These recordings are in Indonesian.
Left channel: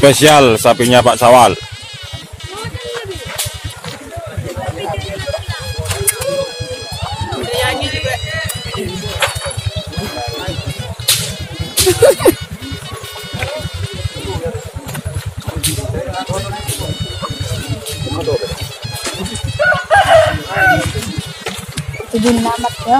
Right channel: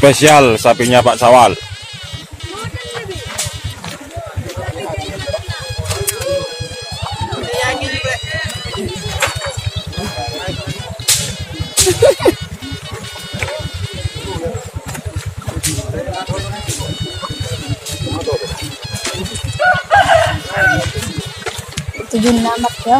Spesial sapinya Pak Sawal. Tujuh amat ya.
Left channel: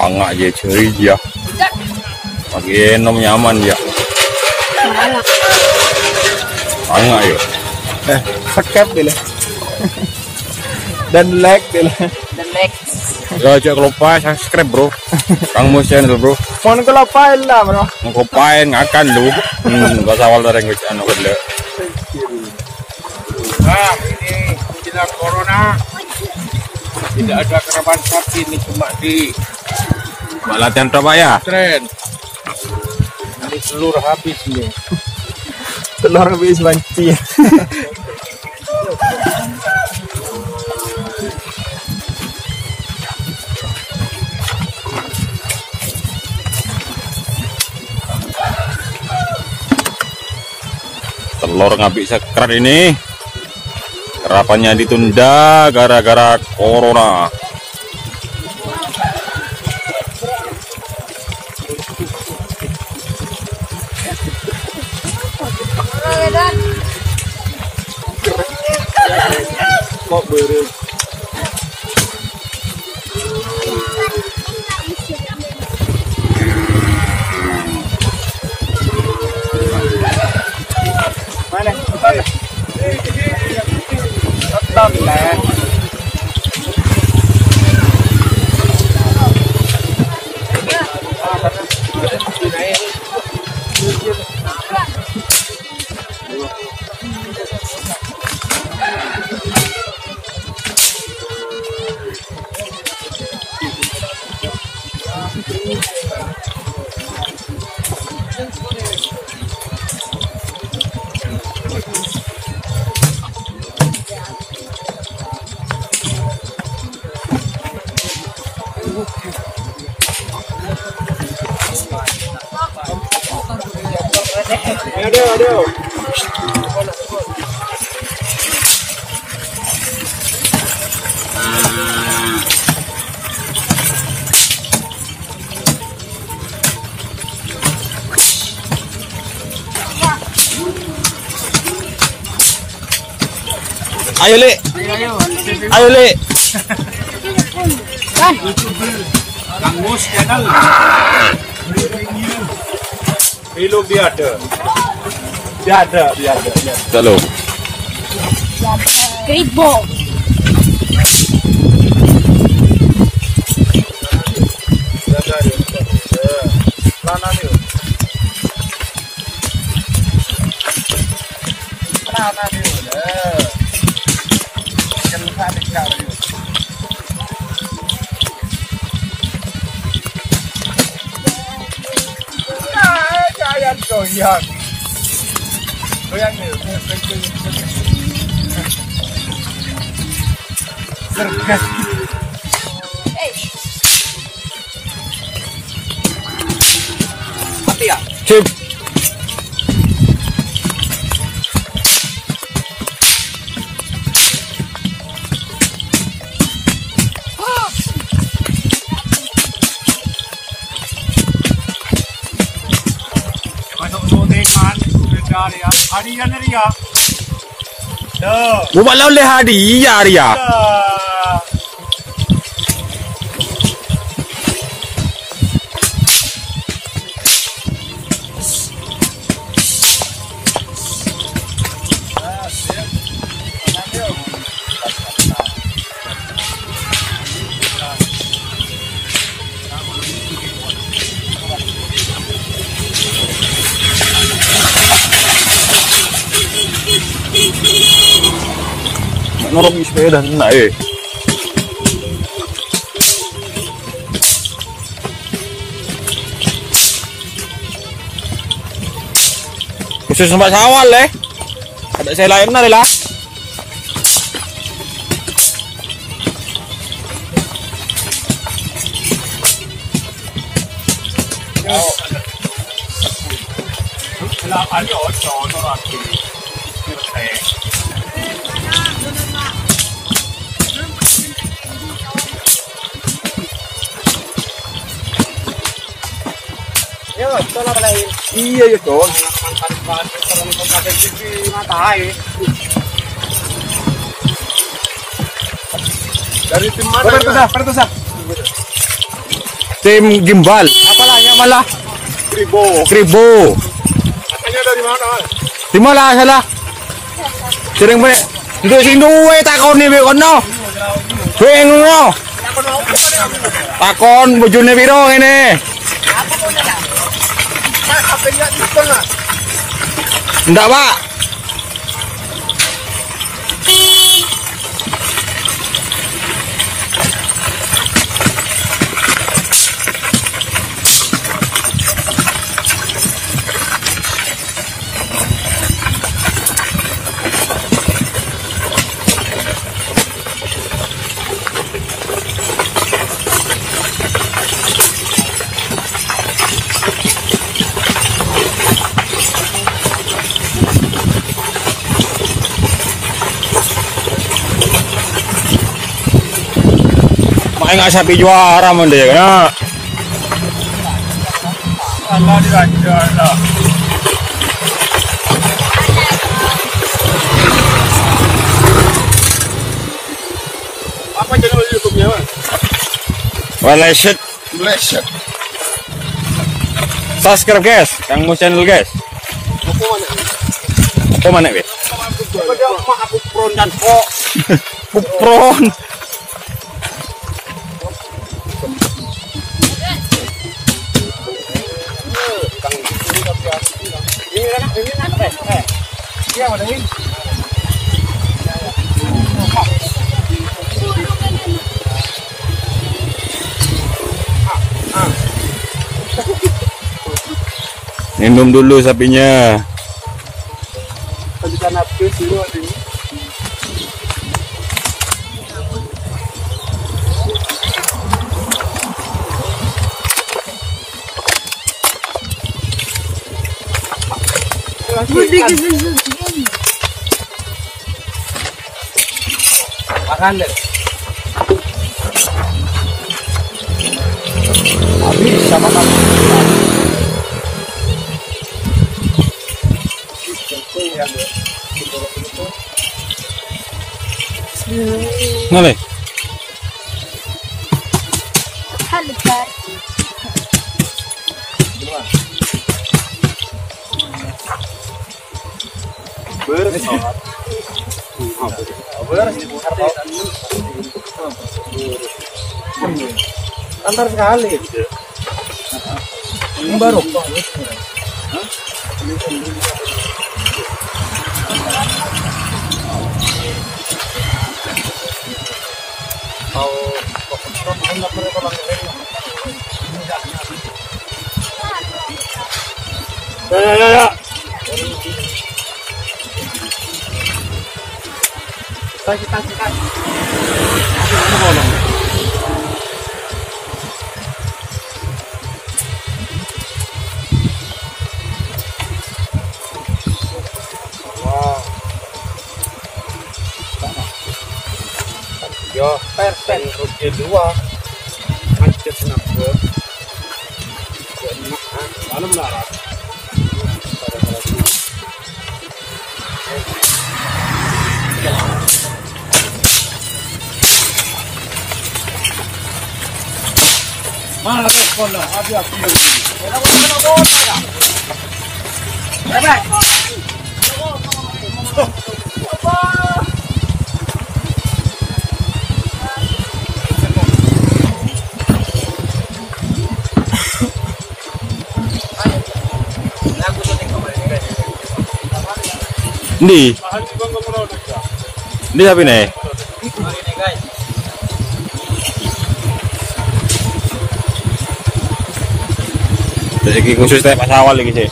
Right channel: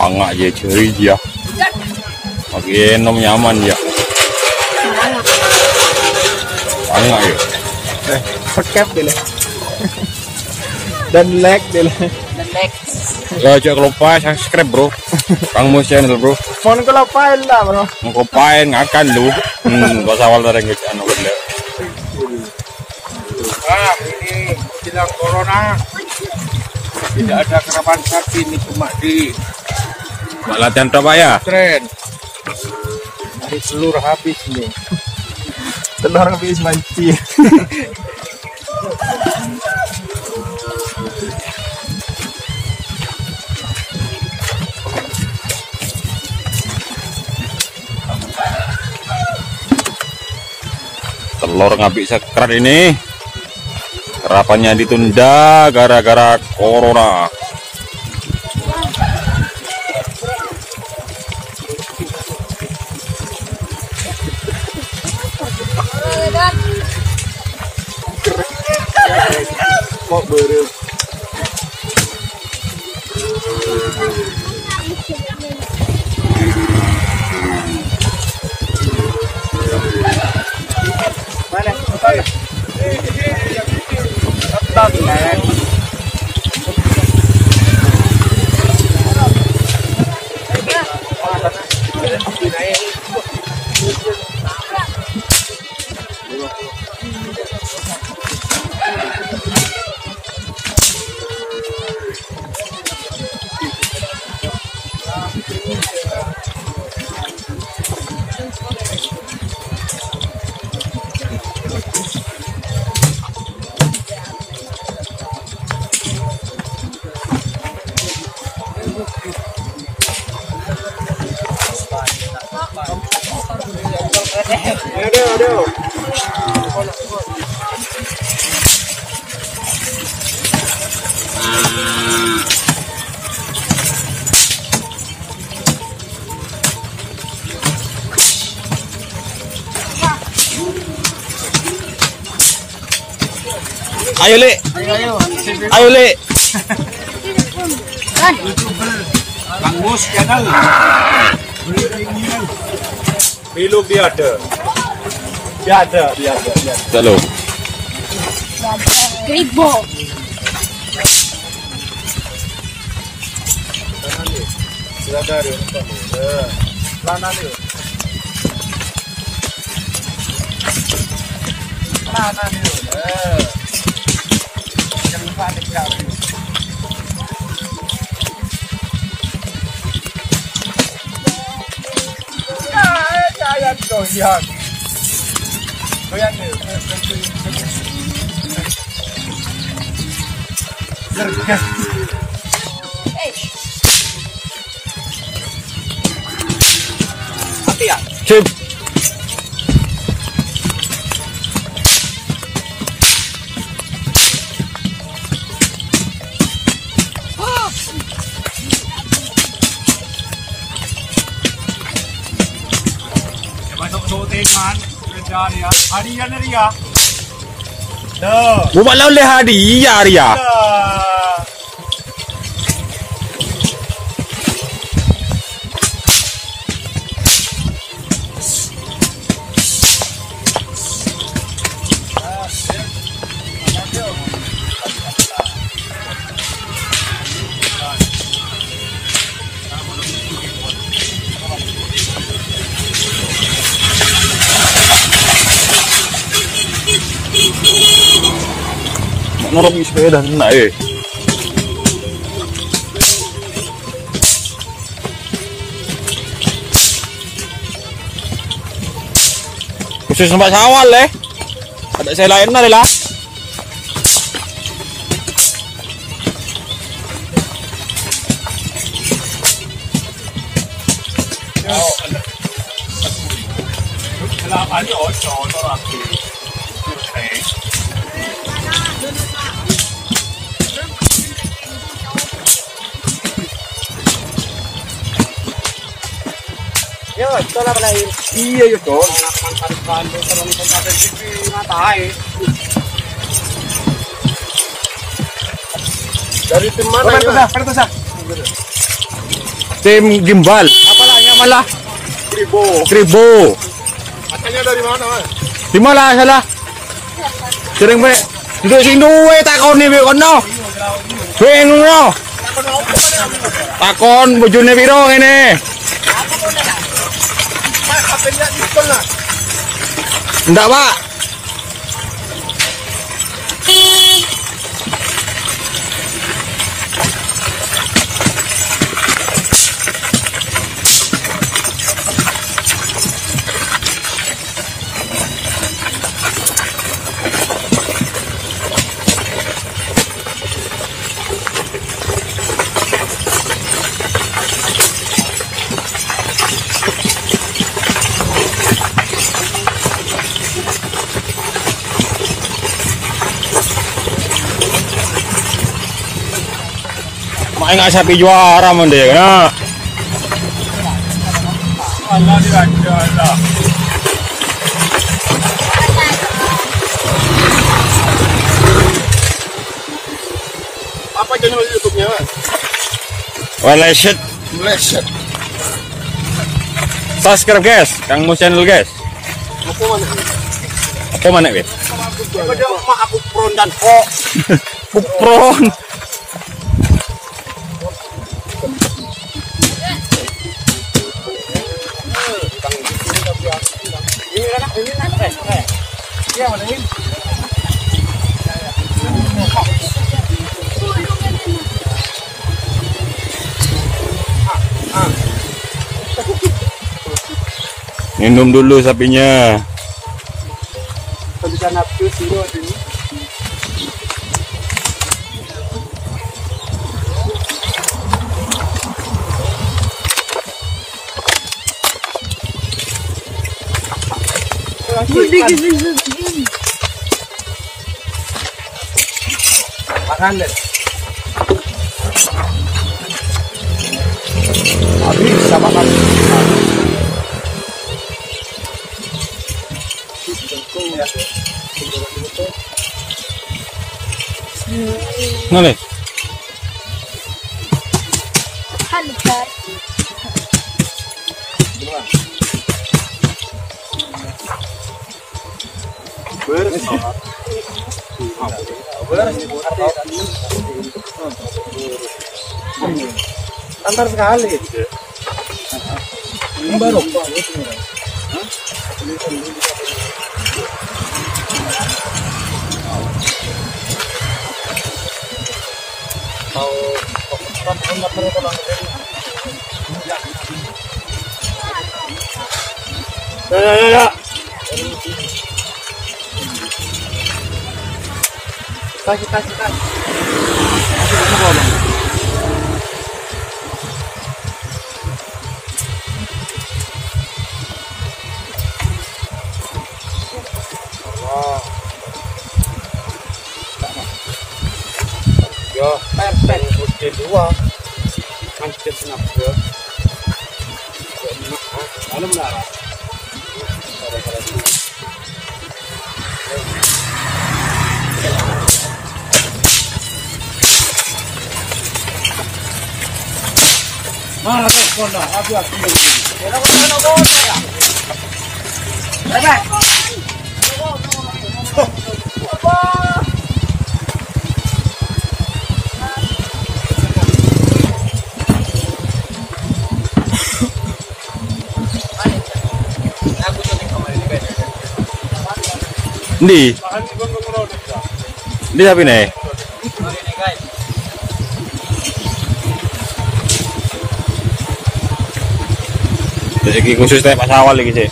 Angak je ceri ya. Pakai nom nyaman ya. Angak yuk. Paket dulu. Dan like dulu. Dan like. Jangan lupa subscribe bro. Kang Mus channel bro. Mau ngelapain lah bro. Ngkopain ngakan lu. Pak Sawal dari anu gede. Nah ini menjelang corona. Tidak ada karapan sapi, ini cuma di Latihan berapa ya? tren. Ini telur habis nih. Telur habis banci. Telur nggak bisa kerat ini. Karapannya ditunda gara-gara corona. Kok baru mana? Betul. Betul lah. Aduh. Ayo Le. Ayo Le. Mus channel. Belum dia ada. Dia ada. Halo. Kedupok. Sip. Hadiah dia. Dah. Buat lawan le hadiah dia. Norok sepeda naik. Khusus Pak Sawal ada saya lain lah. Iya ya Don. Mantan terlalu kompetensi ngatai. Dari tim mana? Pertusa. Tim Gimbal. Apalanya malah? Kribo. Katanya dari mana? Di mana salah? Sering be. Duduk sing duwe takoni be kono. Bingung yo. Takon bojone piro ngene? Enggak, Pak. Enggak sapi juara mon deh kena. Allah diajar. Apa channel YouTube-nya, Mas? Waleset. Subscribe guys, Kang channel guys. Apa mana weh? Aku pron dan kok. Kupron. Iya, mana ini? Minum dulu sapinya. Bisa nafsu dulu ini. Makan deh. Habis sama makan. Nale. Halitar. Antar sekali. Ini baru. Ya. Kita. Yo, per rutin dua. Macet kenapa? Mana melarat? Mana respon dah? Abi aku begini. Di sapi nih. Jadi khusus Pak Sawal lagi sih.